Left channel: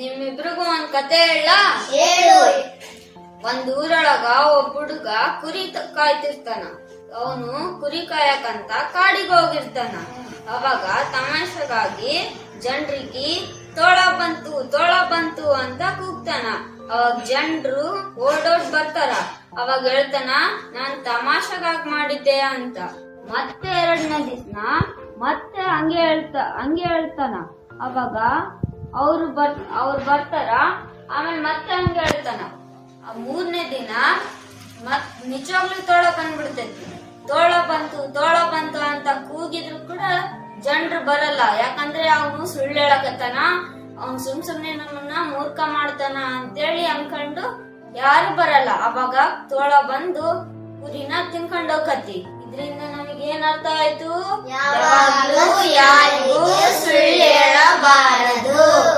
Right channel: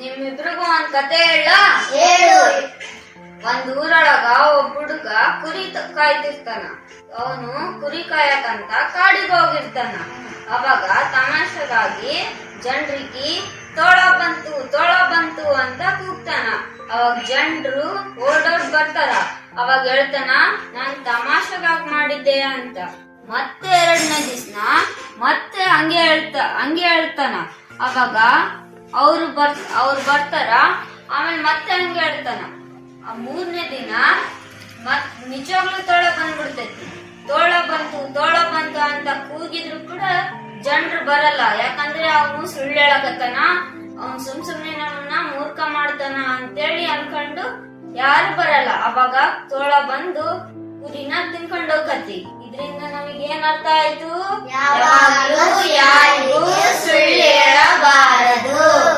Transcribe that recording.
ನಿಮ್ಮಿಬ್ರಿಗೂ ಒಂದ್ ಕತೆ ಹೇಳ. ಹೇಳು. ಒಂದ್ ಊರೊಳಗ ಒಬ್ಬ ಹುಡುಗ ಕುರಿ ಕಾಯ್ತಿರ್ತಾನ. ಅವನು ಕುರಿ ಕಾಯಕಂತ ಕಾಡಿಗೆ ಹೋಗಿರ್ತಾನ. ಅವಾಗ ತಮಾಷೆಗಾಗಿ ಜನರಿಗೆ ತೋಳ ಬಂತು ಅಂತ ಕೂಗ್ತಾನ. ಅವಾಗ ಜನರು ಓಡೋಡ್ ಬರ್ತಾರ. ಅವಾಗ ಹೇಳ್ತಾನ, ನಾನ್ ತಮಾಷೆಗಾಗಿ ಮಾಡಿದ್ದೆ ಅಂತ. ಮತ್ತೆ 2ನೇ ದಿವ್ಸ ಮತ್ತೆ ಹಂಗೆ ಹೇಳ್ತಾನ. ಅವಾಗ ಅವ್ರು ಬರ್ತಾರ. ಆಮೇಲೆ ಮತ್ತೆ ಹಂಗೆ ಹೇಳ್ತಾನ. 3ನೇ ದಿನ ನಿಜವಾಗ್ಲೂ ತೋಳ ಬಂದ್ಬಿಡ್ತೈತಿ. ತೋಳ ಬಂತು ಅಂತ ಕೂಗಿದ್ರು ಕೂಡ ಜನರು ಬರಲ್ಲ. ಯಾಕಂದ್ರೆ ಅವನು ಸುಳ್ಳು ಹೇಳಕತ್ತಾನ. ಅವ್ನು ಸುಮ್ನೆ ನಮ್ಮನ್ನ ಮೂರ್ಖ ಮಾಡ್ತಾನ ಅಂತೇಳಿ ಅನ್ಕೊಂಡು ಯಾರು ಬರಲ್ಲ. ಅವಾಗ ತೋಳ ಬಂದು ಕುರಿನ ತಿನ್ಕೊಂಡು ಹೋಗತಿ. ಇದರಿಂದ ನಮಗೆ ಏನ್ ಅರ್ಥ ಆಯ್ತು? ಯಾರಿಗೂ ಸುಳ್ಳು ಹೇಳಬಾರದು.